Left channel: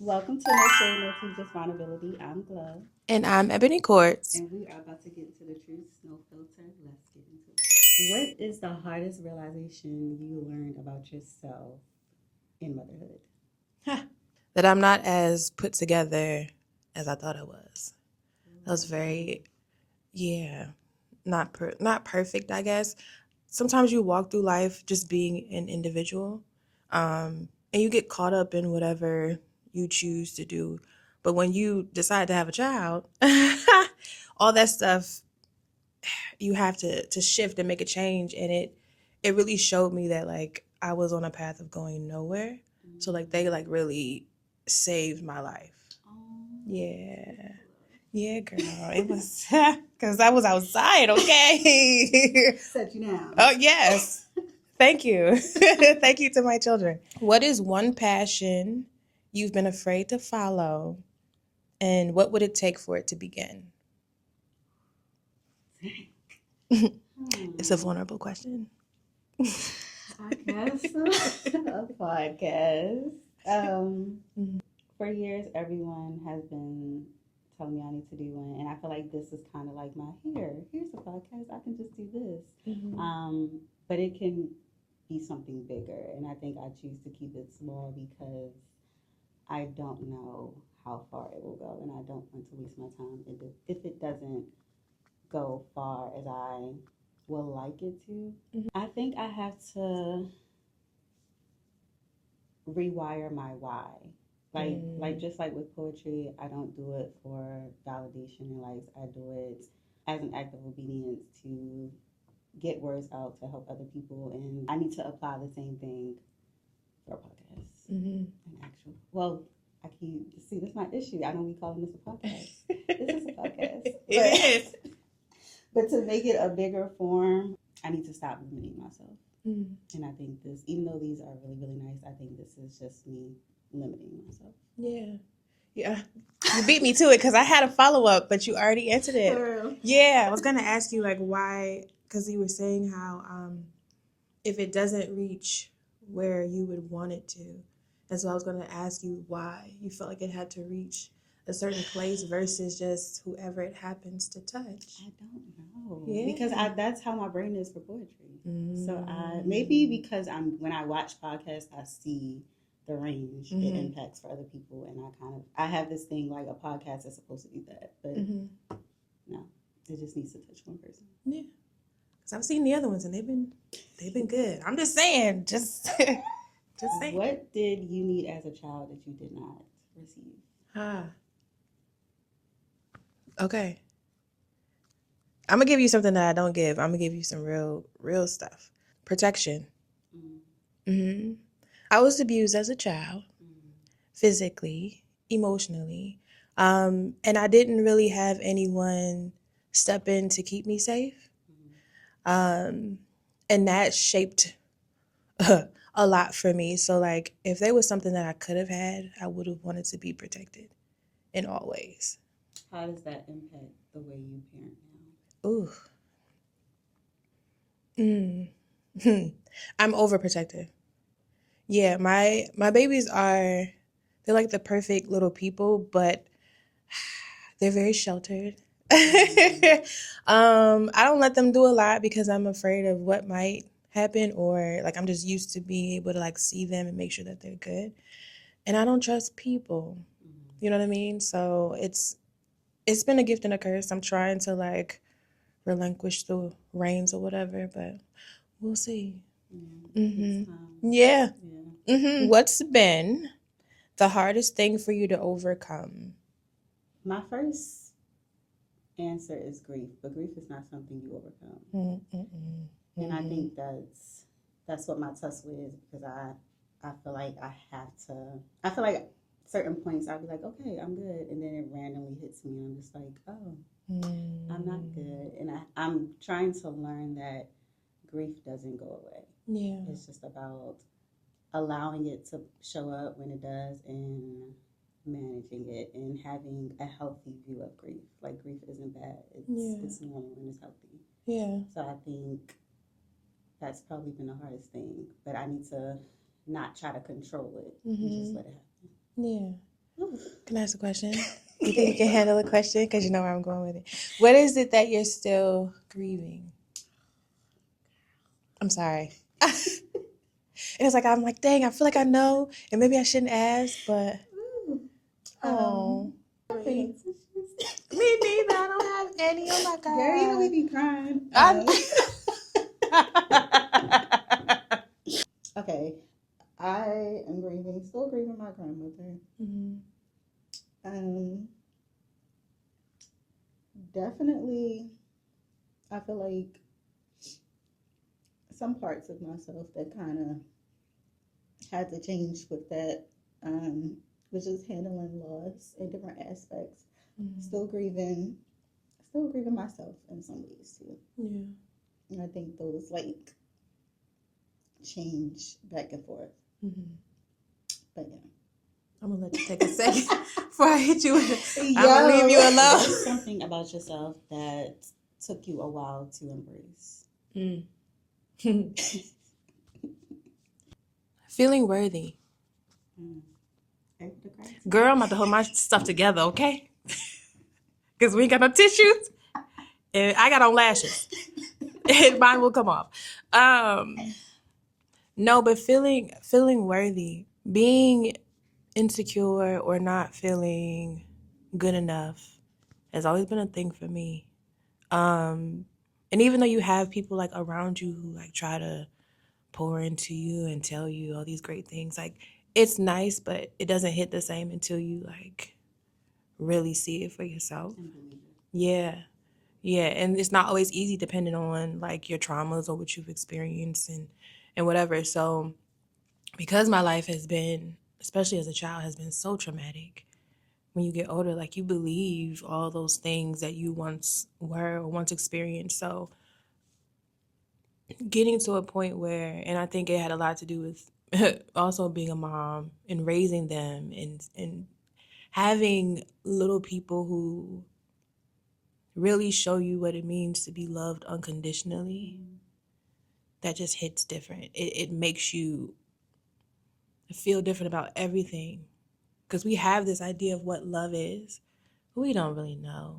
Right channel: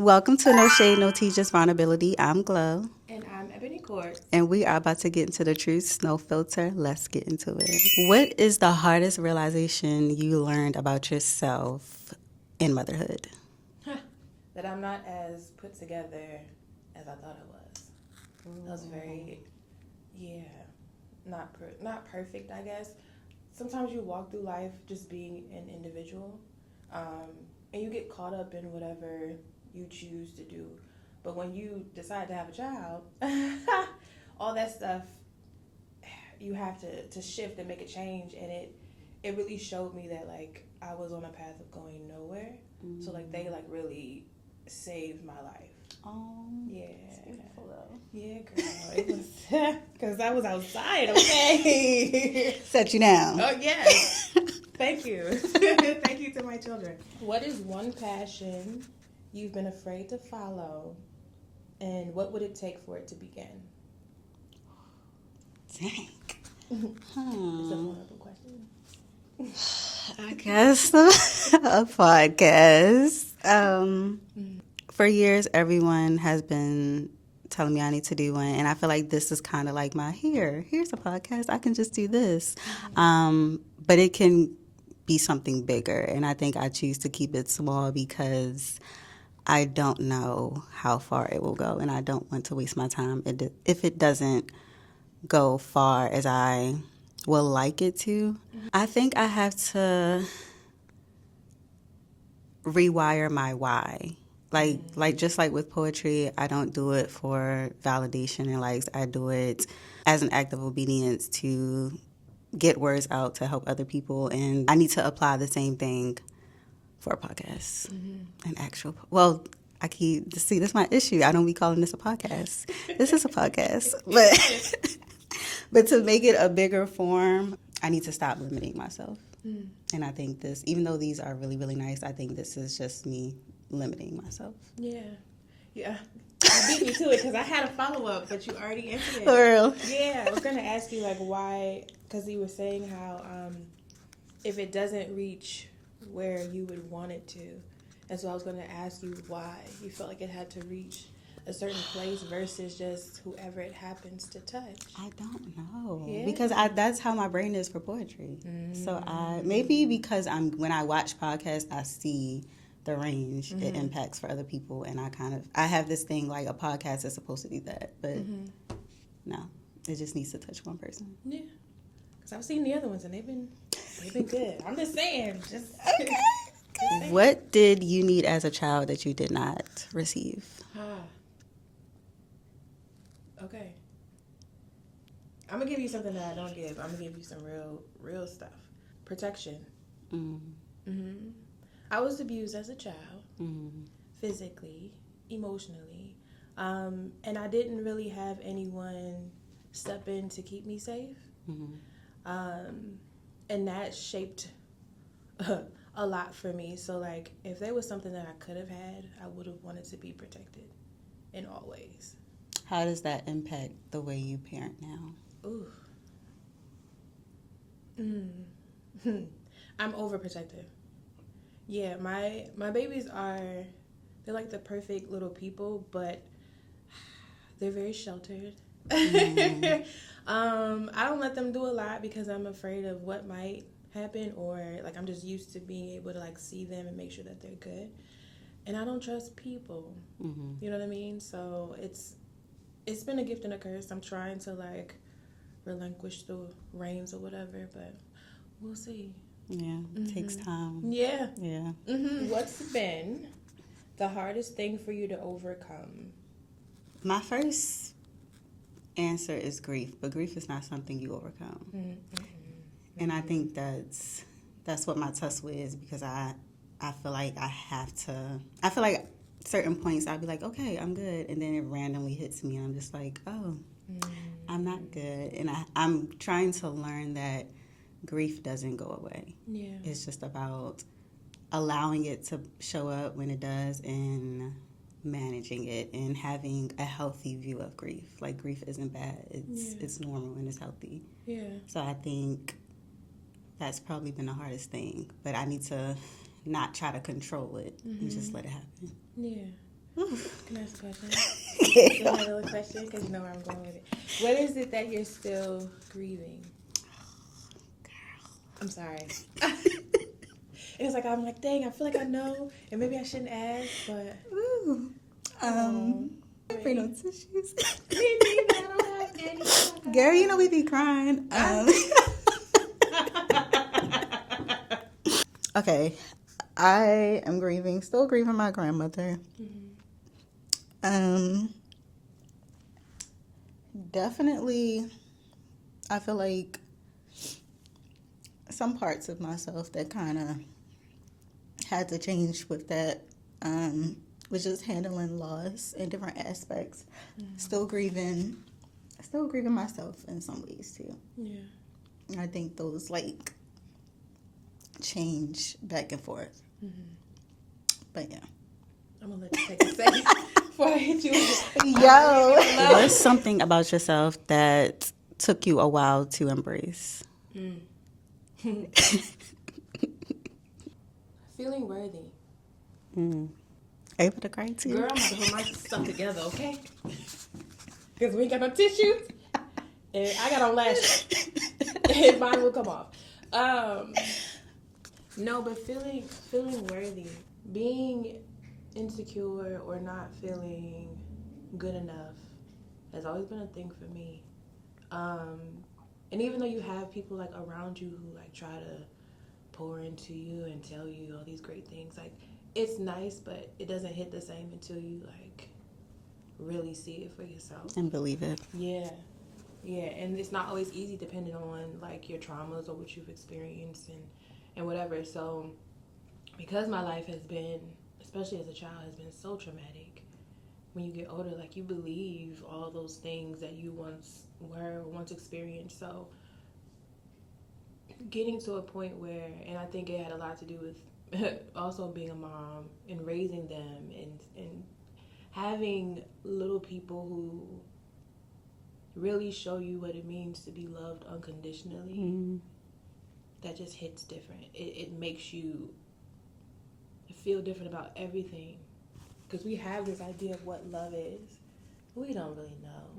Welcome to No Shade, No Tea, Just Vulnerability. I'm Glow, And I'm Ebony Quartz. and we are about to get into the truth. No filter. Let's get into it. What is the hardest realization you learned about yourself in motherhood? That I'm not as put together as I thought I was. That was very, yeah, not perfect, I guess. Sometimes you walk through life just being an individual, and you get caught up in whatever you choose to do. But when you decide to have a child, all that stuff you have to shift and make a change, and it really showed me that like I was on a path of going nowhere. So like they like really saved my life. Yeah. Yeah, girl. It was because I was outside, okay? Set you down. Oh, yes. Thank you. Thank you to my children. What is one passion you've been afraid to follow, and what would it take for it to begin? Dang. It's a vulnerable question. I guess a podcast. For years, everyone has been telling me I need to do one, and I feel like this is kind of like my here's a podcast. I can just do this, but it can be something bigger, and I think I choose to keep it small because I don't know how far it will go, and I don't want to waste my time if it doesn't go far as I will like it to. I think I have to rewire my why. Like just like with poetry, I don't do it for validation and likes. I do it as an act of obedience to get words out to help other people, and I need to apply the same thing for a podcast. An actual I keep see this is my issue. I don't be calling this a podcast. This is a podcast, but but to make it a bigger form, I need to stop limiting myself. And I think this, even though these are really, really nice, I think this is just me limiting myself. Yeah. Yeah. You beat me to it because I had a follow-up, but you already answered it. For real. Yeah. I was going to ask you, like, why, because you were saying how if it doesn't reach where you would want it to. And so I was going to ask you why you felt like it had to reach a certain place versus just whoever it happens to touch. I don't know. Yeah. Because that's how my brain is for poetry. So maybe because when I watch podcasts, I see the range it impacts for other people, and I have this thing like a podcast is supposed to do that, but no, it just needs to touch one person. Yeah. Because I've seen the other ones and they've been good. I'm just saying, just saying. What did you need as a child that you did not receive? Okay. I'm going to give you something that I don't give. I'm going to give you some real stuff. Protection. I was abused as a child, physically, emotionally, and I didn't really have anyone step in to keep me safe. And that shaped a lot for me. So, like, if there was something that I could have had, I would have wanted to be protected in all ways. How does that impact the way you parent now? Ooh. I'm overprotective. Yeah, my babies they're like the perfect little people, but they're very sheltered. I don't let them do a lot because I'm afraid of what might happen, or like I'm just used to being able to like see them and make sure that they're good. And I don't trust people. You know what I mean? So it's been a gift and a curse. I'm trying to like relinquish the reins or whatever, but we'll see. Yeah, it takes time. Yeah. Yeah. What's been the hardest thing for you to overcome? My first answer is grief, but grief is not something you overcome. And I think that's what my tussle is, because I feel like I feel like certain points I'll be like, okay, I'm good, and then it randomly hits me and I'm just like, oh, I'm not good. And I'm trying to learn that grief doesn't go away. Yeah. It's just about allowing it to show up when it does and managing it and having a healthy view of grief. Like, grief isn't bad. It's normal and it's healthy. Yeah. So I think that's probably been the hardest thing. But I need to not try to control it and just let it happen. Yeah. Can I ask a question? You think you can handle a question? Because you know where I'm going with it. What is it that you're still grieving? I'm sorry. And it's like, I'm like, dang, I feel like I know, and maybe I shouldn't ask, but. Ooh. Bring no tissues. Me neither. I don't have any. Oh my God. Girl, you know we be crying. Okay, I am still grieving my grandmother. Definitely, I feel like some parts of myself that kind of had to change with that was just handling loss in different aspects. Still grieving myself in some ways too. Yeah. I think those like change back and forth. But yeah. I'm gonna let you take a second before I hit you with I'm gonna leave you alone. What's something about yourself that took you a while to embrace? Feeling worthy. Able to cry too? Girl, I'm about to hold my stuff together, okay? Because we ain't got no tissues. And I got on lashes. And mine will come off. No, but feeling worthy. Being insecure or not feeling good enough has always been a thing for me. And even though you have people like around you who like try to pour into you and tell you all these great things, like it's nice, but it doesn't hit the same until you like really see it for yourself And believe it. Yeah, and it's not always easy depending on like your traumas or what you've experienced and whatever. So because my life has been, especially as a child, has been so traumatic, when you get older, like you believe all those things that you once were or once experienced. So getting to a point where, and I think it had a lot to do with also being a mom and raising them and having little people who really show you what it means to be loved unconditionally. That just hits different. It makes you feel different about everything, because we have this idea of what love is, but we don't really know.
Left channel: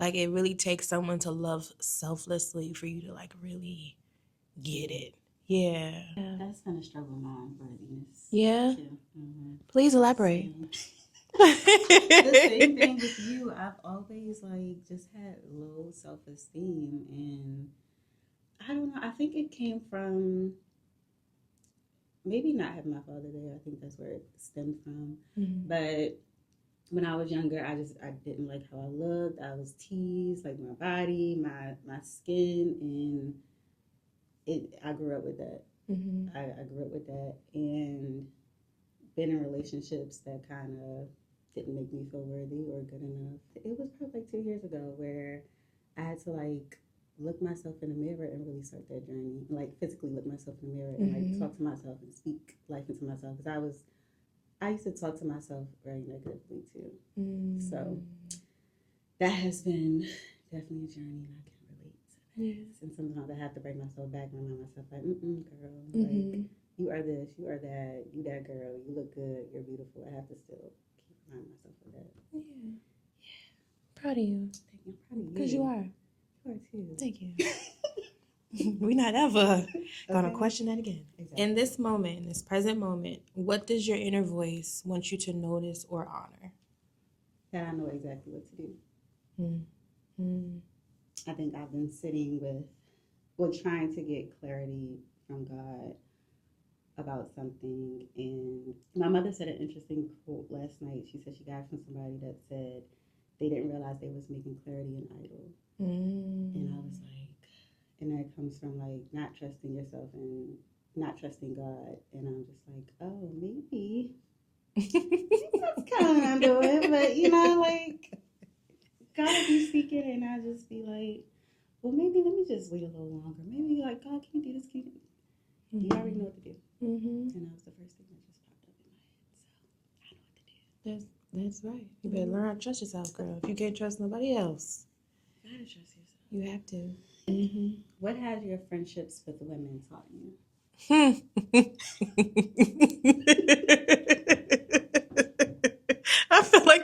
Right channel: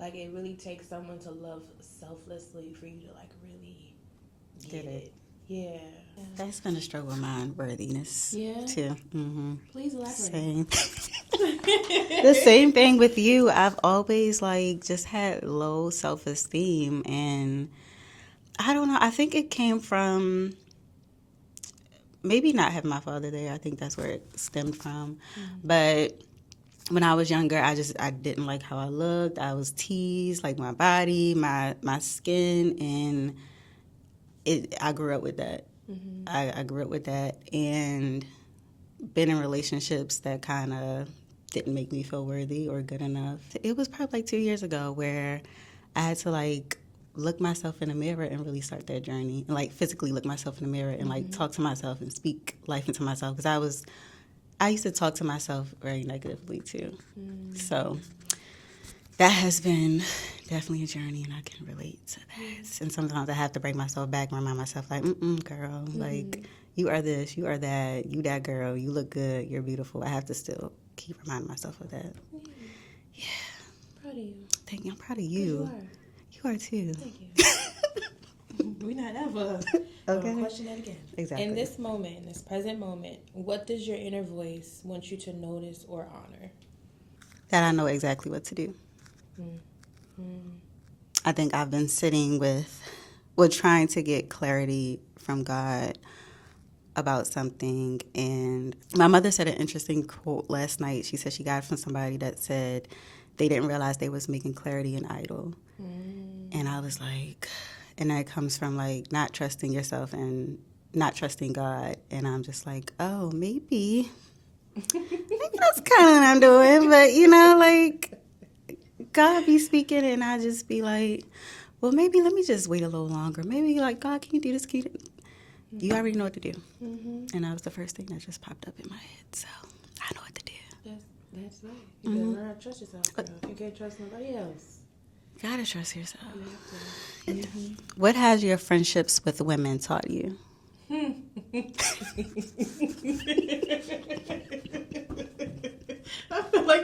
Like it really takes someone to love selflessly for you to like really get it. Yeah. That's been a struggle of mine, worthiness. Yeah? Too. Please elaborate. Same. The same thing with you. I've always like just had low self-esteem, and I don't know. I think it came from maybe not having my father there. I think that's where it stemmed from. But when I was younger, I didn't like how I looked. I was teased, like my body, my skin, and I grew up with that. I grew up with that, and been in relationships that kind of didn't make me feel worthy or good enough. It was probably like 2 years ago where I had to like look myself in the mirror and really start that journey, and like physically look myself in the mirror and like talk to myself and speak life into myself, because I used to talk to myself very negatively too. So that has been definitely a journey, and I can relate to that. And sometimes I have to break myself back and remind myself, like, girl, like, you are this, you are that, you that girl, you look good, you're beautiful. I have to still keep reminding myself of that. Yeah. Proud of you. Thank you. I'm proud of you. Because you are. You are too. Thank you. We're not ever going to question that again. Exactly. In this moment, in this present moment, what does your inner voice want you to notice or honor? That I know exactly what to do. I think I've been sitting with trying to get clarity from God about something. And my mother said an interesting quote last night. She said she got it from somebody that said they didn't realize they was making clarity an idol. And I was like, and that comes from like not trusting yourself and not trusting God. And I'm just like, oh, maybe that's kind of what I'm doing. But, you know, like, God be speaking, and I just be like, well, maybe let me just wait a little longer. Maybe, like, God, can you do this? Can you, you already know what to do. And that was the first thing that just popped up in my head. So I know what to do. That's right. You better learn how to trust yourself, girl. You can't trust nobody else. Gotta trust yourself. You have to. What has your friendships with women taught you?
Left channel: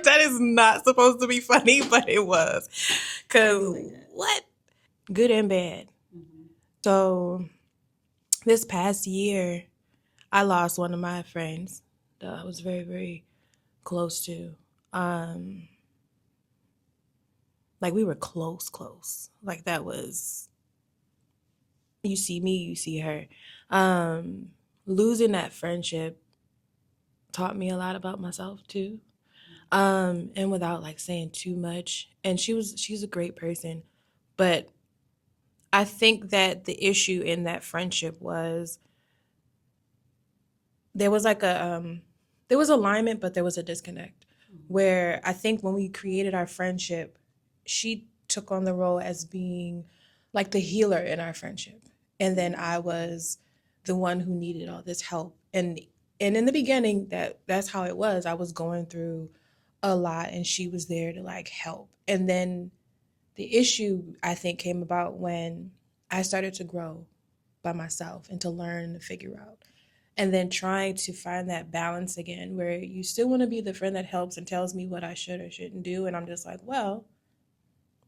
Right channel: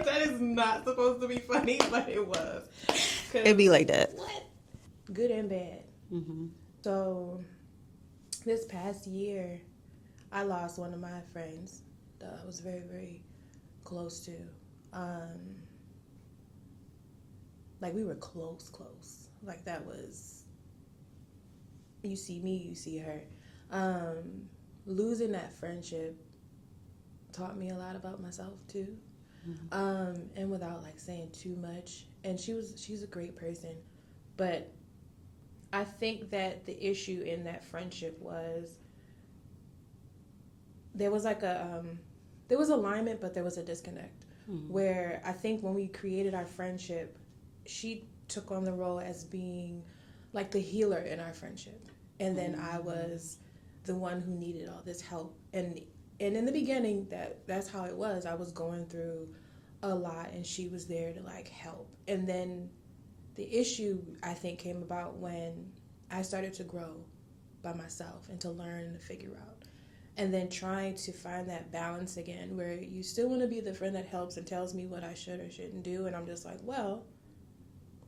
That is not supposed to be funny, but it was. It'd be like that. What? Good and bad. Mm-hmm. So this past year, I lost one of my friends that I was very, very close to. Like, we were close. Like, that was, you see me, you see her. Losing that friendship taught me a lot about myself too. And without like saying too much. And she's a great person, but I think that the issue in that friendship was there was like there was alignment, but there was a disconnect. Where I think when we created our friendship, she took on the role as being like the healer in our friendship, and then I was the one who needed all this help. And in the beginning, that's how it was. I was going through a lot, and she was there to like help. And then the issue, I think, came about when I started to grow by myself and to learn to figure out. And then trying to find that balance again, where you still want to be the friend that helps and tells me what I should or shouldn't do. And I'm just like, well,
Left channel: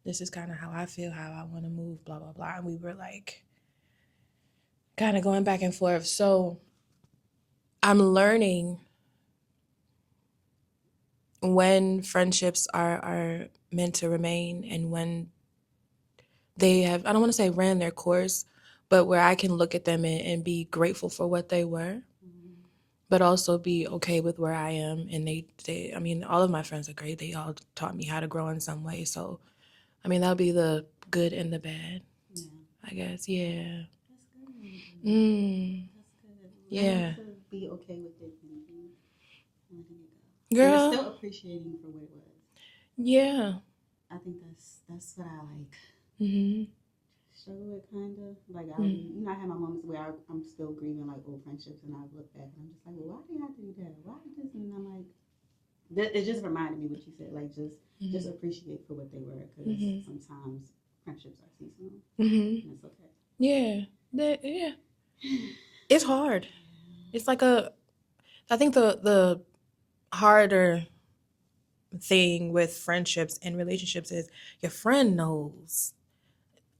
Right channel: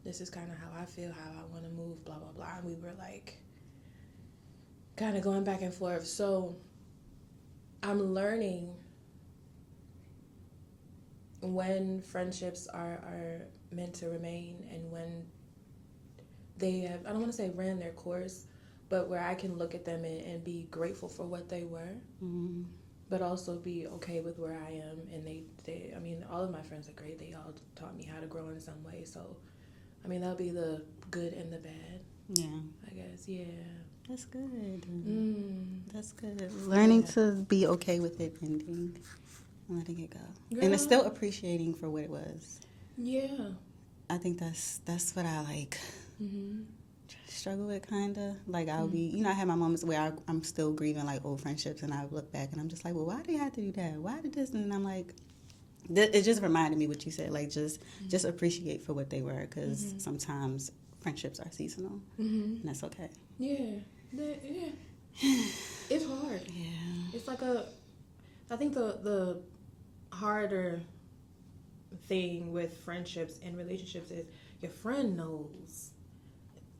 this is kind of how I feel, how I want to move, blah, blah, blah. And we were like kind of going back and forth. So I'm learning when friendships are meant to remain and when they have, I don't want to say ran their course, but where I can look at them and be grateful for what they were, but also be okay with where I am. And they, I mean, all of my friends are great. They all taught me how to grow in some way. So, I mean, that'll be the good and the bad. Yeah. I guess, yeah. That's good. That's good. Yeah. Learning to be okay with it ending and letting it go. Girl. And still appreciating for what it was. Yeah. I think that's what I like. Struggle with, kind of. Like, I'll be, you know, I have my moments where I'm still grieving, like, old friendships, and I look back, and I'm just like, well, why did they have to do that? Why did this? And I'm like, it just reminded me what you said. Like, just appreciate for what they were, because sometimes friendships are seasonal, and that's okay. Yeah. Yeah. It's hard. Yeah. It's like I think the harder thing with friendships and relationships is your friend knows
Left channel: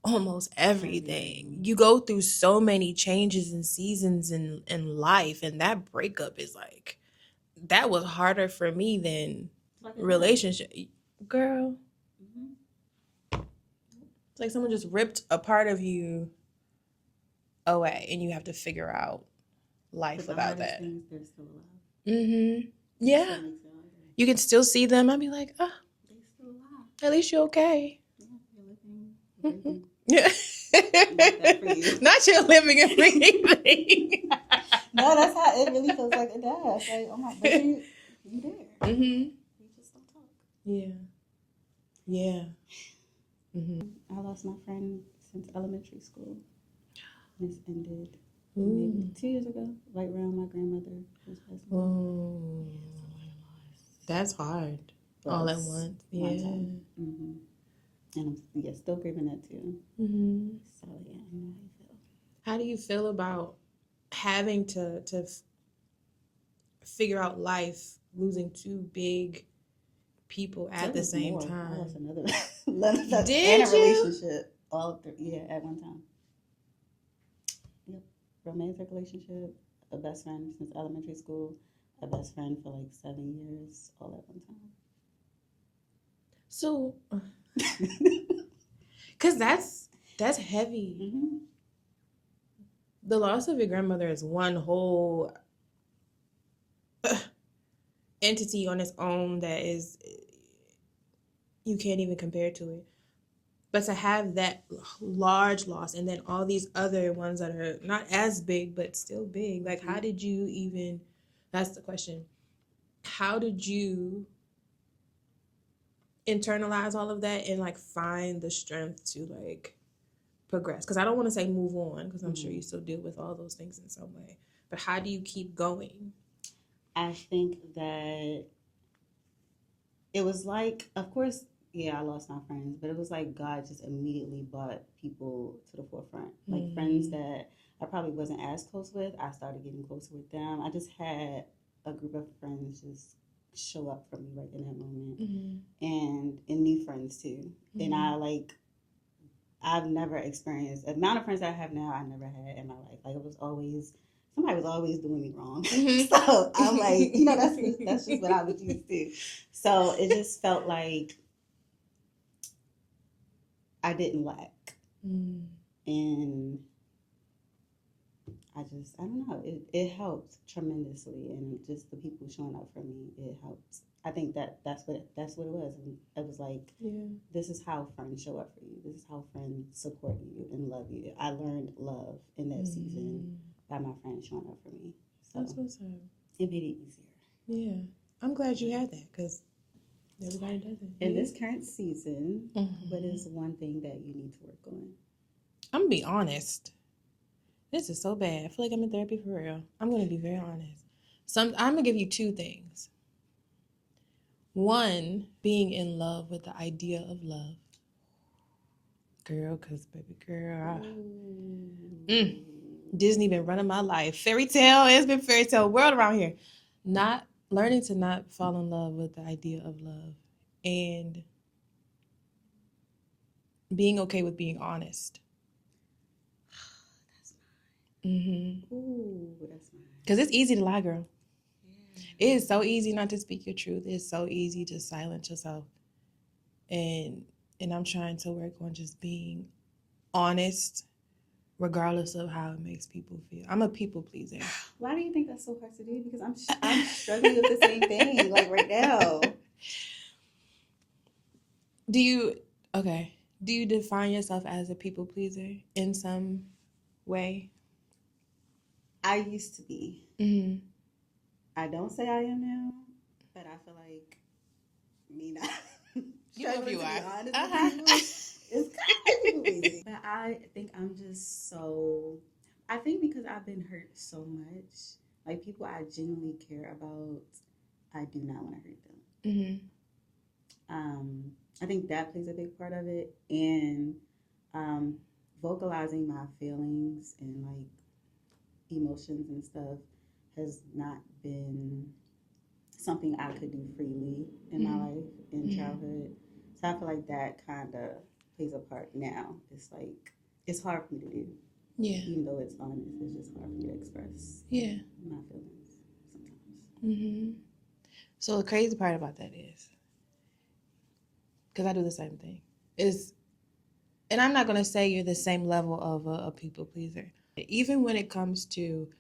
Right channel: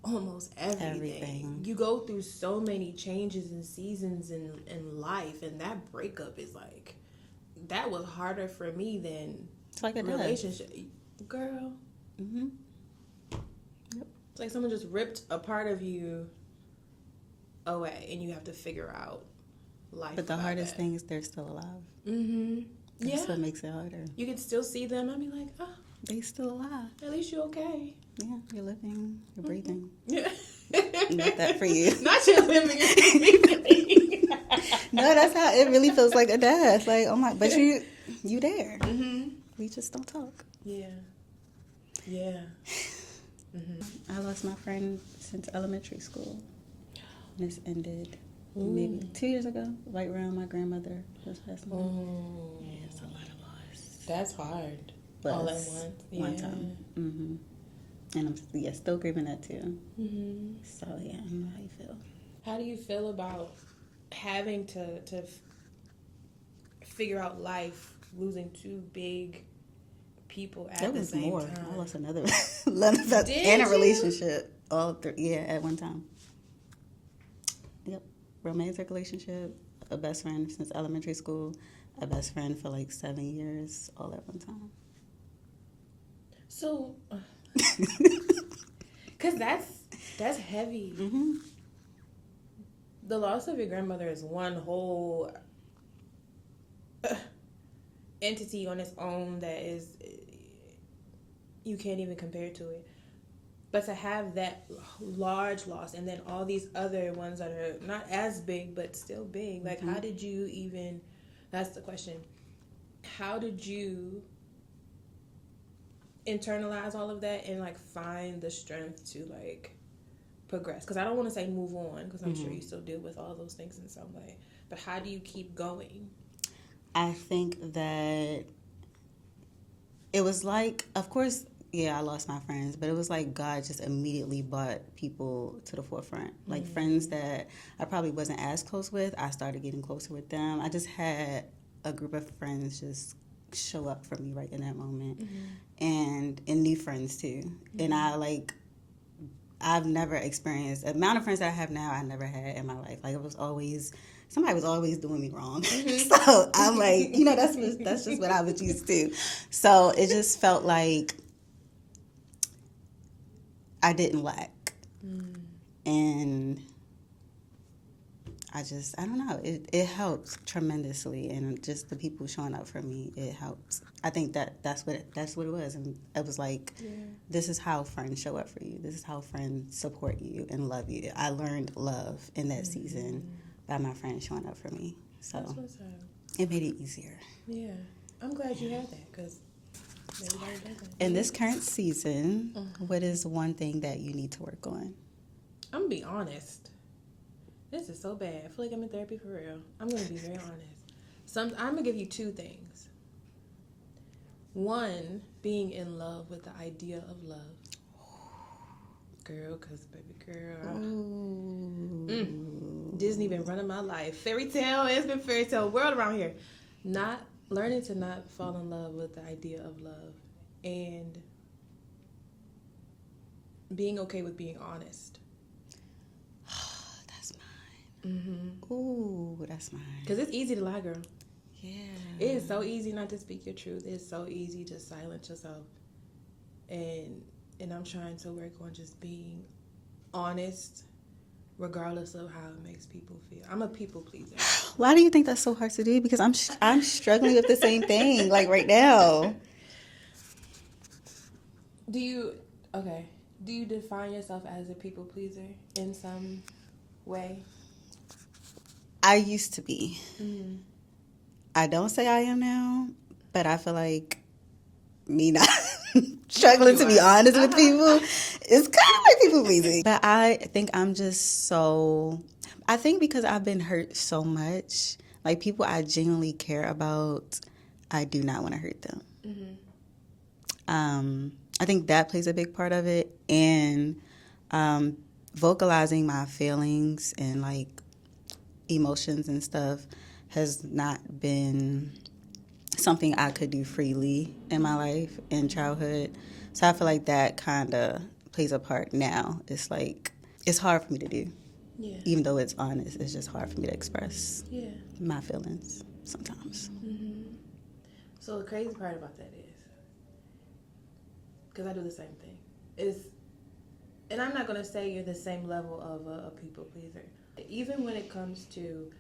almost everything. You go through so many changes and seasons in life, and that breakup is like, that was harder for me than like relationship. Girl. It's like someone just ripped a part of you away, and you have to figure out life. But the hardest thing is they're still alive. Yeah. That's what makes it harder. You can still see them. I'd be like, oh, they still alive. At least you're okay. Yeah, you're living, you're breathing. Yeah. Not that for you. Not you're living and breathing. No, that's how it really feels like a dad. It's like, oh my, but you there. We just don't talk. Yeah. Yeah. I lost my friend since elementary school. This ended maybe 2 years ago, right around my grandmother was passing away. Yeah, it's a lot of loss. That's hard. But all at once. One time. And I'm still grieving that too. So yeah, I know how you feel. How do you feel about having to figure out life, losing two big people at the same time? I lost another and a relationship. All of three, at one time. Yep, romantic relationship, a best friend since elementary school, a best friend for like 7 years, all at one time. So, because that's heavy. The loss of your grandmother is one whole entity on its own that is, you can't even compare to it. But to have that large loss and then all these other ones that are not as big but still big, like how did you even, that's the question, how did you internalize all of that and like find the strength to like progress? Because I don't want to say move on, because I'm sure you still deal with all those things in some way, but how do you keep going? I think that it was like, of course, I lost my friends, but it was like God just immediately brought people to the forefront. Like friends that I probably wasn't as close with, I started getting closer with them. I just had a group of friends just show up for me right in that moment, and new friends too. And I've never experienced the amount of friends that I have now. I never had in my life. Like, it was always somebody was always doing me wrong. So I'm like, that's just what I was used to. So it just felt like I didn't lack, and I don't know. It helps tremendously, and just the people showing up for me, it helps. I think that's what it was, and it was like, this is how friends show up for you. This is how friends support you and love you. I learned love in that season by my friends showing up for me. So That's what's up. It made it easier. Yeah, I'm glad you had that, because everybody doesn't. In this current season, what is one thing that you need to work on? I'm gonna be honest. This is so bad. I feel like I'm in therapy for real. I'm going to be very honest. I'm going to give you two things. One, being in love with the idea of love. Girl, because baby girl. Disney been running my life. Fairy tale. It's been fairy tale world around here. Learning to not fall in love with the idea of love. And being okay with being honest. Ooh, that's mine. Because it's easy to lie, girl. Yeah. It is so easy not to speak your truth. It's so easy to silence yourself. And I'm trying to work on just being honest, regardless of how it makes people feel. I'm a people pleaser. Why do you think that's so hard to do? Because I'm struggling with the same thing, like right now. Do you define yourself as a people pleaser in some way? I used to be. I don't say I am now, but I feel like me not struggling to be honest with people is kind of like people pleasing. But I think I'm just I think because I've been hurt so much, like people I genuinely care about, I do not want to hurt them. I think that plays a big part of it, and vocalizing my feelings and like emotions and stuff has not been something I could do freely in my life in childhood. So I feel like that kind of plays a part now. It's like, it's hard for me to do. Yeah. Even though it's honest, it's just hard for me to express my feelings sometimes. So the crazy part about that is, because I do the same thing, and I'm not going to say you're the same level of a people pleaser. Even when it comes to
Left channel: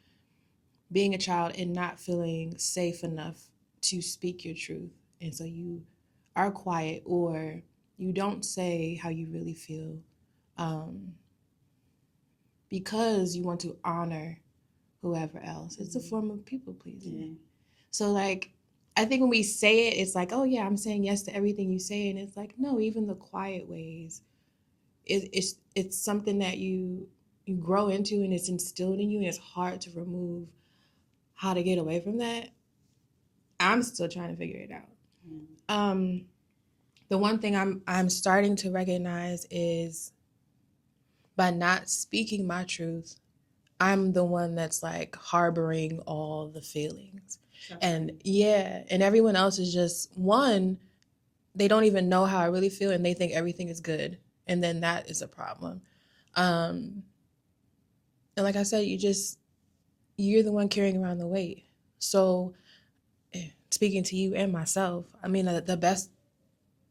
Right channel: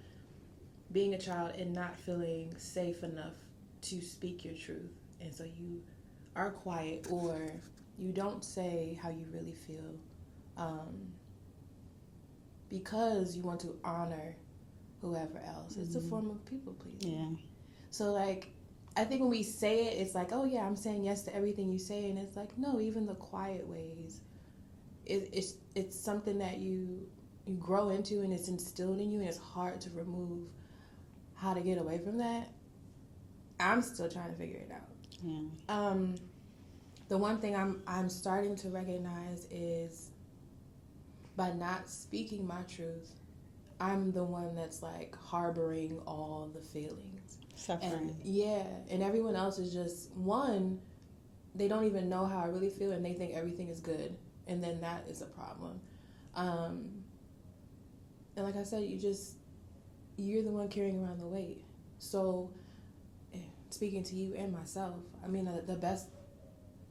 being a child and not feeling safe enough to speak your truth, and so you are quiet or you don't say how you really feel, because you want to honor whoever else. It's a form of people pleasing. Yeah. So like, I think when we say it, it's like, oh yeah, I'm saying yes to everything you say, and it's like, no, even the quiet ways, it's something that you grow into, and it's instilled in you, and it's hard to remove. How to get away from that, I'm still trying to figure it out. Yeah. The one thing I'm starting to recognize is, by not speaking my truth, I'm the one that's like harboring all the feelings. Suffering. And everyone else is just, one, they don't even know how I really feel, and they think everything is good, and then that is a problem. And like I said, you're the one carrying around the weight. So speaking to you and myself, I mean, the best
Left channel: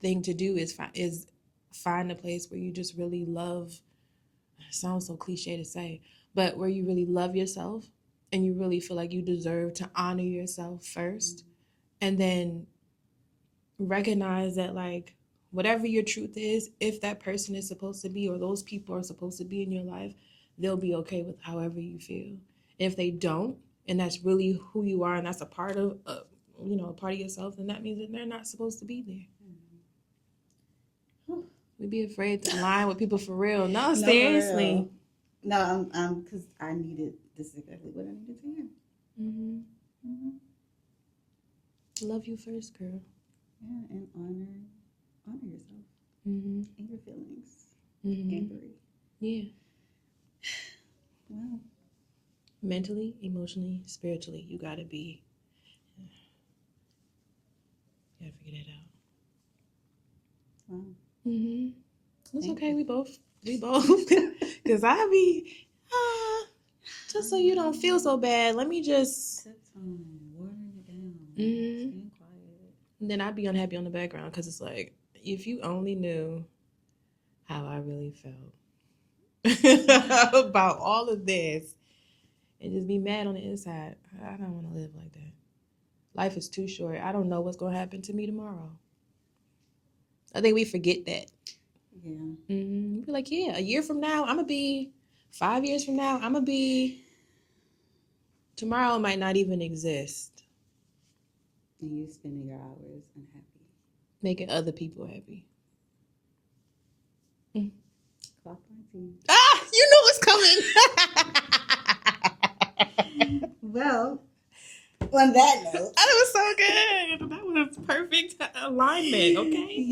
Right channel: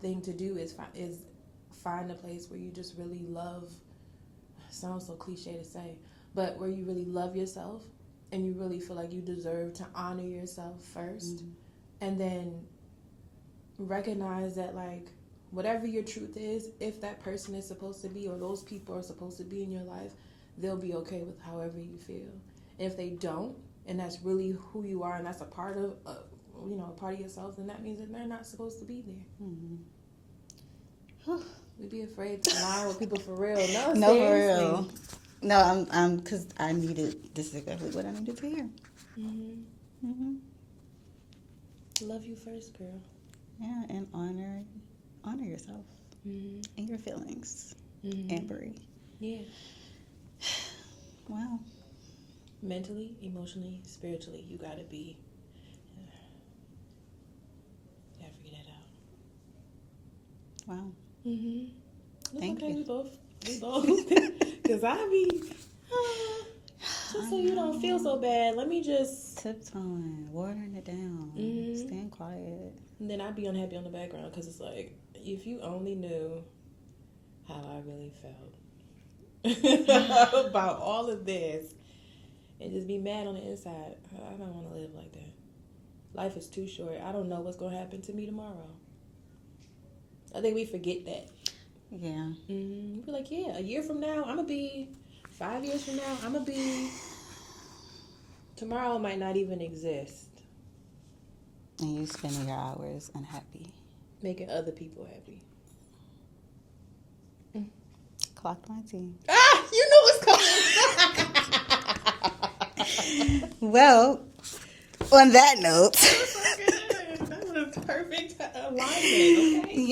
thing to do is find a place where you just really love. It sounds so cliche to say, but where you really love yourself, and you really feel like you deserve to honor yourself first, and then recognize that, like, whatever your truth is, if that person is supposed to be, or those people are supposed to be in your life, they'll be okay with however you feel. If they don't, and that's really who you are, and that's a part of a part of yourself, then that means that they're not supposed to be there. We'd be afraid to lie with people for real. No, seriously. For real. No, I'm because I needed. This is exactly what I needed to hear. Love you first, girl. Yeah, and honor yourself and your feelings, and breathe. Yeah. Wow. Mentally, emotionally, spiritually, you gotta be Mm-hmm. It's Thank okay. you. We both. Because I be, just so you don't feel so bad, let me just. Tiptoeing, watering it down, Mhm. staying quiet. And then I'd be unhappy on the background because it's like, if you only knew how I really felt about all of this and just be mad on the inside, I don't want to live like that. Life is too short. I don't know what's going to happen to me tomorrow. I think we forget that. Yeah. Mm-hmm. We're like, yeah, a year from now, I'm going to be, 5 years from now, I'm going to be, tomorrow might not even exist. And you spending your hours unhappy. Making other people happy. Clocked my tea. Ah, you know what's coming. Well, on that note. That was so good. That was a perfect alignment, okay?